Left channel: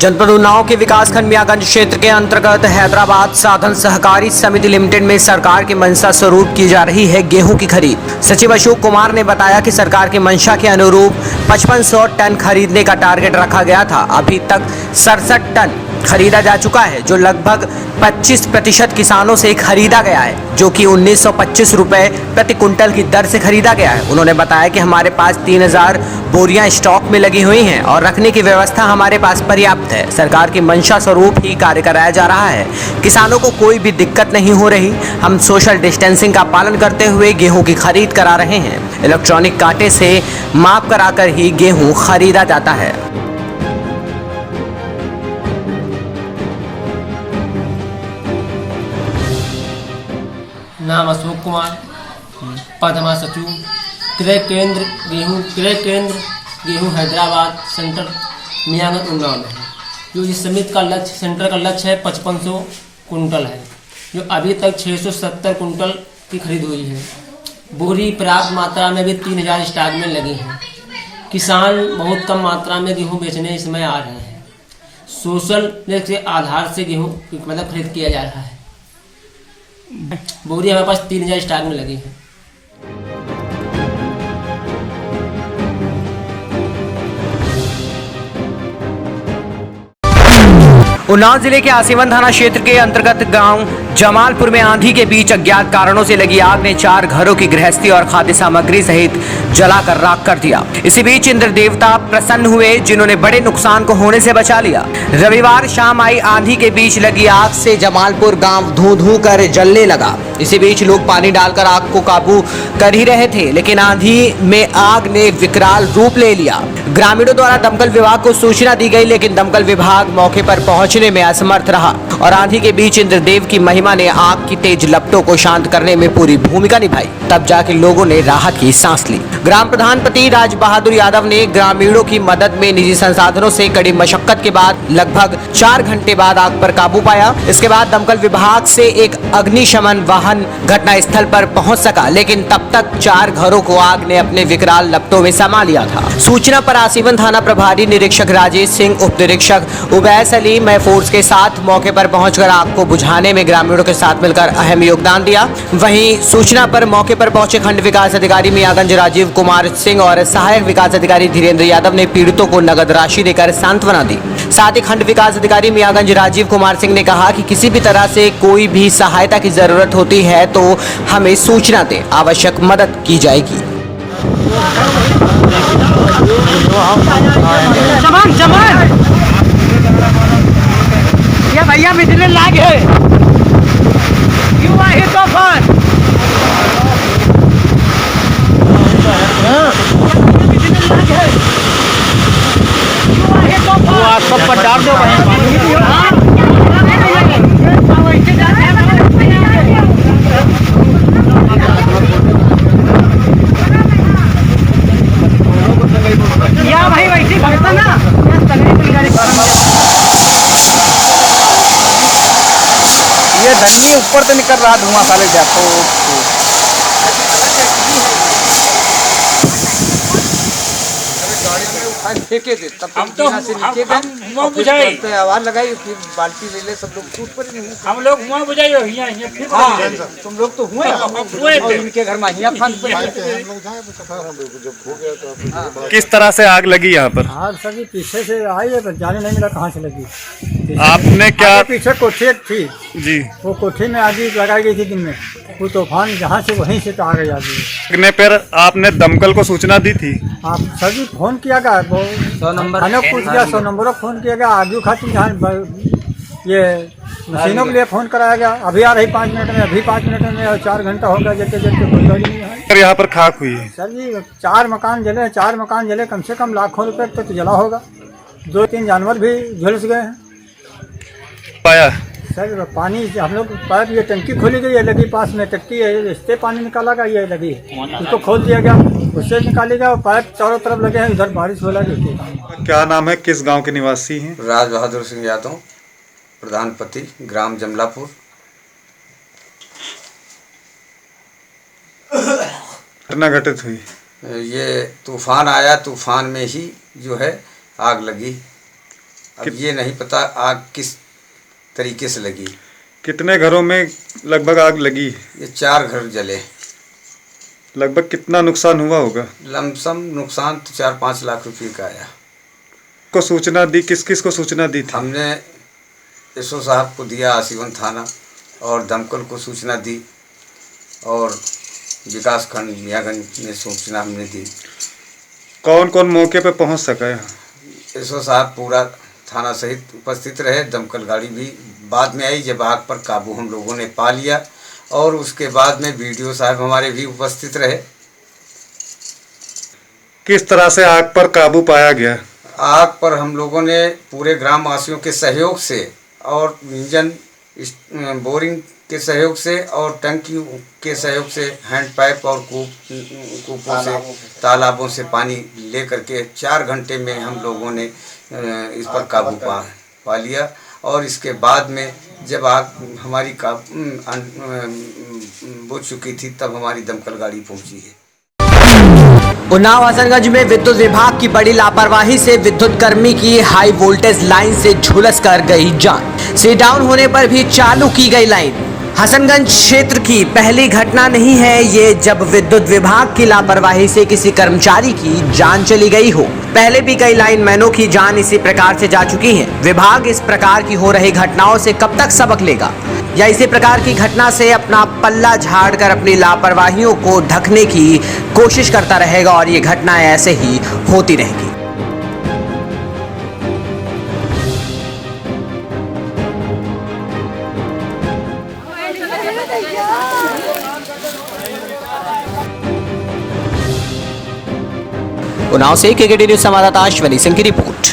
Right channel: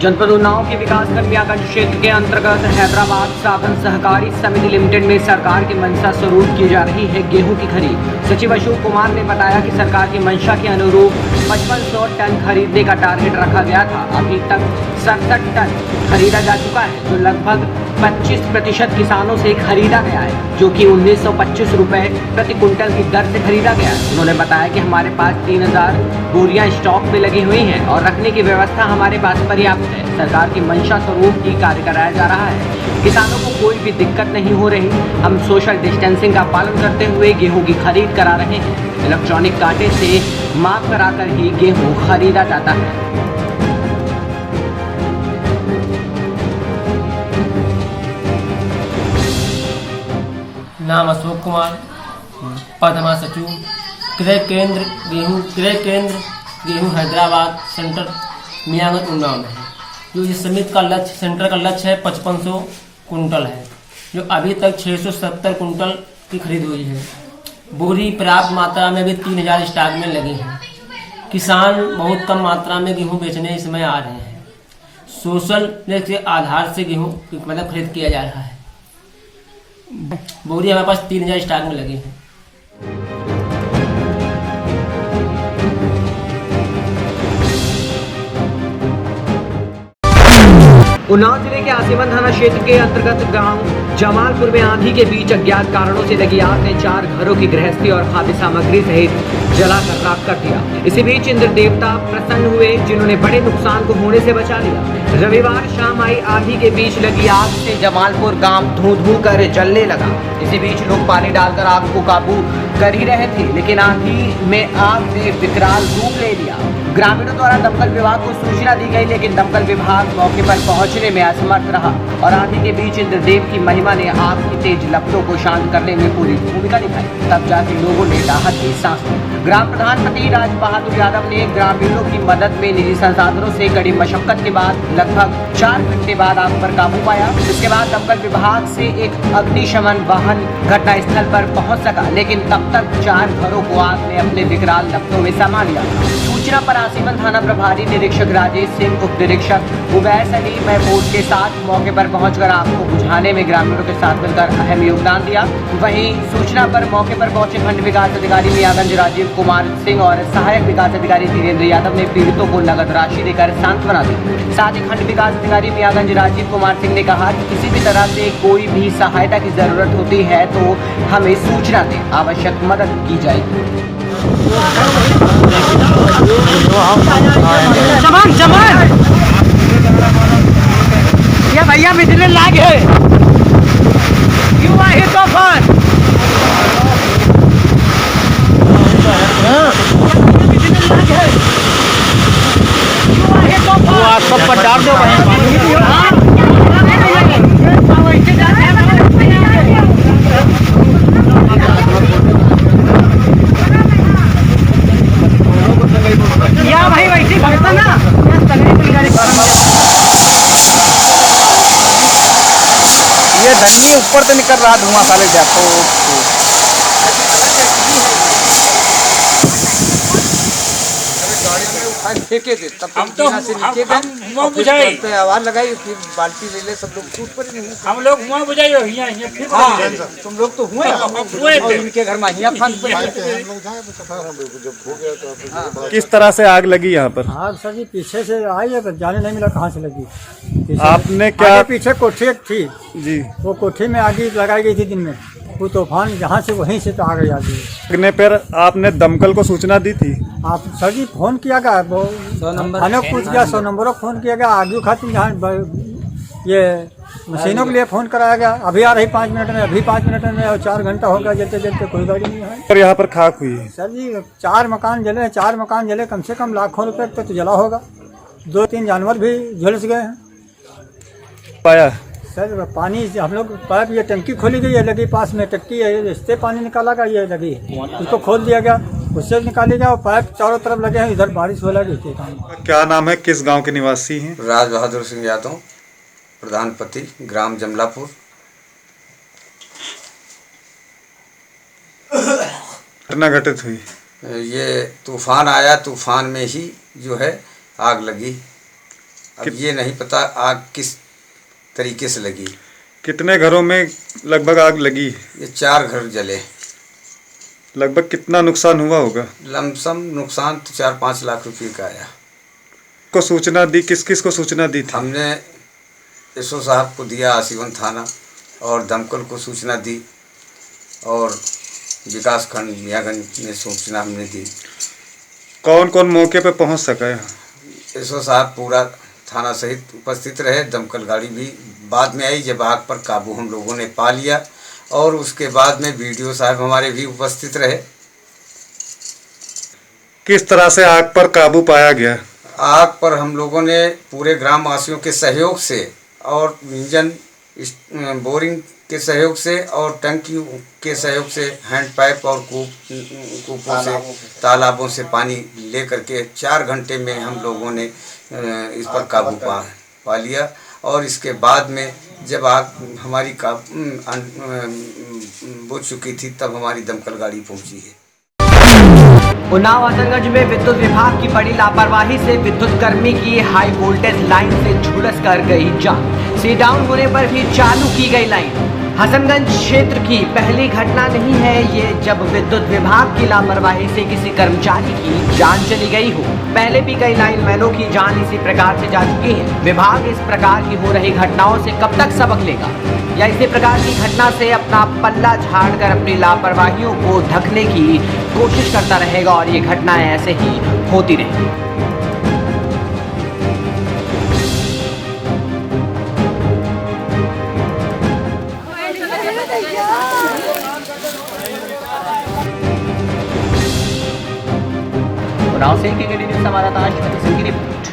जनपद उन्नाव के विकासखंड मियागंज क्षेत्र के अंतर्गत हैदराबाद साधन सहकारी समिति लिमिटेड में सरकार की मंशा स्वरूप की जा रही है गेहूं की खरीद। सचिव अशोक कुमार ने बताया कि सरकार की मंशा के अनुरूप 5500 टन खरीदने का टारगेट रखा गया था। अभी तक 67 टन खरीदा जा चुका है, जो लगभग 25% किसानों से खरीदा गया है, जो कि 1925 रुपए प्रति कुंटल की दर से खरीदा गया है। उन्होंने बताया कि हमारे पास 3000 बोरियां स्टॉक में लगी हुई हैं और रखने की व्यवस्था हमारे पास पर्याप्त है। सरकार की मंशा स्वरूप ही कार्य कराया जा रहा है। किसानों को कोई भी दिक्कत नहीं हो रही। हम सोशल डिस्टेंसिंग का पालन करते हुए गेहूं की खरीद करा रहे हैं। इलेक्ट्रॉनिक कांटे से माप कराकर ही गेहूं खरीदा जाता है। नाम अशोक कुमार, पद हमारा सचिव। क्रय केंद्र गेहूं हैदराबाद सेंटर मियागंज उन्नाव में है। जो इस समिति का लक्ष्य, सेंटर का लक्ष्य है 5500 कुंटल है, जो अभी तक 670 कुंटल की खरीद हुई है। बोरी पर्याप्त मात्रा में भी 3000 स्टॉक में लगी हैं। किसान बहुत कम मात्रा में गेहूं बेचने इस समय आ रहे हैं। सोशल के आधार से गेहूं मतलब खरीद किया जा रहा है। बोरी हमारे पास 3000 स्टॉक में लगी है। उन्नाव जिले के आसीवन थाना क्षेत्र के अंतर्गत गांव जमालपुर में आंधी के बीच अज्ञात कारणों से लगी आग ने 4 घरों की गृहस्थी और खाद्य सामग्री सहित जलाकर राख कर दिया। इसी बीच इंद्र देवता प्रसन्न हुए, जिन्होंने बड़े नुकसान को होने से बचा लिया। रविवार शाम आई आंधी के बीच लगी आग से जमालपुर गाँव धू धू कर जलने लगा। इसी बीच लोग पानी डालकर आग को काबू कर ही रहे थे, लेकिन आंधी में आग ने विकराल रूप ले लिया। ग्रामीणों द्वारा दमकल विभाग को सूचना दी गई, लेकिन दमकल विभाग मौके पर पहुंचने में असमर्थ रहा और आंधी के बीच इंद्रदेव की महिमा ने आग की तेज लपटों को शांत करने में पूरी भूमिका निभाई। तब जाके लोगों ने राहत की सांस ली। ग्राम प्रधान पति राज बहादुर यादव ने ग्रामीणों की मदद में निजी संसाधनों से कड़ी मशक्कत के बाद लगभग 4 घंटे बाद आग पर काबू पाया। इसके बाद दमकल विभाग से एक अग्निशमन वाहन घटना स्थल पर पहुंच सका, लेकिन तब तक 4 घरों को आग ने अपने विकराल लपटों में समा लिया था। सूचना पर आसीवन थाना प्रभारी निरीक्षक राजेश सिंह, उप निरीक्षक उबैस अली फोर्स के साथ मौके पर पहुंचकर आग को बुझाने में ग्रामीणों के साथ मिलकर अहम योगदान दिया। वहीं सूचना पर मौके पर पहुंचे खंड विकास अधिकारी मियागंज राजीव कुमार सिंह और सहायक विकास अधिकारी धीरेन्द्र यादव ने पीड़ितों को नगद राशि देकर सांत्वना दी। साथ ही खंड विकास अधिकारी मियागंज राजीव कुमार सिंह ने कहा कि किसी भी तरह से कोई भी सहायता की जरूरत होती है तो हमें सूचना दे, आवश्यक मदद की जाएगी। ये भैया बिजली लाग है, क्यों आई तूफान? बिजली लाग है, क्यों आई तूफान? वो आप सब पर डाल दो या भाई वैसे भरता ना। ये धन्नी ऊपर से निकल रहा धुआं साले जातो। फेंके थे तब हम तो से नीचे गए, आवाज लगाई, फिर बाल्टी ले ले, सब लोग टूट पड़े। हम लोग हुआ बुझाई हो फिर तुम लोग तो हुए और इनके घर में हिया फंस पड़े। किस तरह से आग लगी यहाँ पर? आग सर पीछे से आई है, तो जाने नहीं मिला कहाँ से लगी। आपने क्या पीछे कोठी थी जी, वो कोठी में आग लगाई गई थी दिन में। वो तूफान जहाँ से वहीं से तो आ गई आगे। लगने पर आपने दमकल को सूचना दी थी? आप सर जी फोन किया गया, वो 100 नंबर पूछ गया, 100 नंबर फोन किया गया। आगे खातिर जहाँ ये मशीनों के लिए फोन कराया गया। अभी आ रही 5 मिनट में, अभी 5 मिनट में, और 4 घंटा हो गया जलते जलते, कोई गाड़ी नहीं है। यहाँ पर खाक हुई है सर जी, 4 मकान जले, 4 मकान जले, कम से कम लाखों रुपए तक तो जला होगा। 2-3 जानवर भी झुलस गए हैं। पाया सर पानी हम लोग पाइप, ये टंकी खोली गई है, लगी पास में टंकी है, इससे पानी निकाला गया, ये लगी उसको खोल दिया गया, उससे निकाली गया। और पाइप चारों तरफ लगे हैं, इधर बारिश हो लगी। क्या नाम है, किस गांव के निवासी हैं? राज बहादुर सिंह यादव, प्रधान पति, ग्राम जमलापुर। घटना घटित हुई? ये तूफान आया, तूफान में ही जो है आग लगी। अब ये नहीं पता आग किस तरीके से लगी। कितने घरों में लगभग आग लगी? ये 4 घर जले। लगभग कितना नुकसान हुआ होगा? लमसम नुकसान तो 4-5 लाख रुपए का आया। को सूचना दी, किस किस को सूचना दी थी? हमने एसओ साहब को दिया, आसीवन थाना और दमकल को सूचना दी और विकास खंड मियागंज में सूचना हमने दी। कौन कौन मौके पे पहुंच सका है? एसओ साहब पूरा थाना सहित उपस्थित रहे, दमकल गाड़ी भी बाद में आई जब आग पर काबू हम लोगों ने पा लिया, और उसके बाद में बीडीओ साहब हमारे भी उपस्थित रहे। किस तरह से आग पर काबू पाया गया? आग पर हम लोगों ने पूरे ग्रामवासियों के सहयोग से और इंजन बोरिंग के सहयोग से और टंकी के सहयोग से, हैंड पाइप और कूपों से, तालाबों से पानी ले करके 4 घंटे में हम लोगों ने इस पर काबू पा लिया। और इसके बाद में जब आग हमारी बुझ चुकी थी तब हमारी दमकल गाड़ी पहुंची है। उन्नाव हसनगंज में विद्युत विभाग की बड़ी लापरवाही से विद्युत कर्मी की हाई वोल्टेज लाइन से झुलस कर गई जान। सी डाउन होने पर भी चालू की गई लाइन। हसनगंज क्षेत्र की पहली घटना नहीं है ये जब विद्युत विभाग की लापरवाही से किसी कर्मचारी की जान चली गई हो। पहले भी कई लाइनमैनों की जान इसी प्रकार से जा चुकी है। विभाग इस प्रकार की हो रही घटनाओं से कब तक सबक लेगा, या इसी प्रकार की घटना से अपना पल्ला झाड़कर अपनी लापरवाहियों को ढकने की कोशिश करता रहेगा और ये घटनाएं ऐसे ही होती रहेगी। उन्नाव से केकेडी न्यूज संवाददाता अश्विनी सिंह की रिपोर्ट।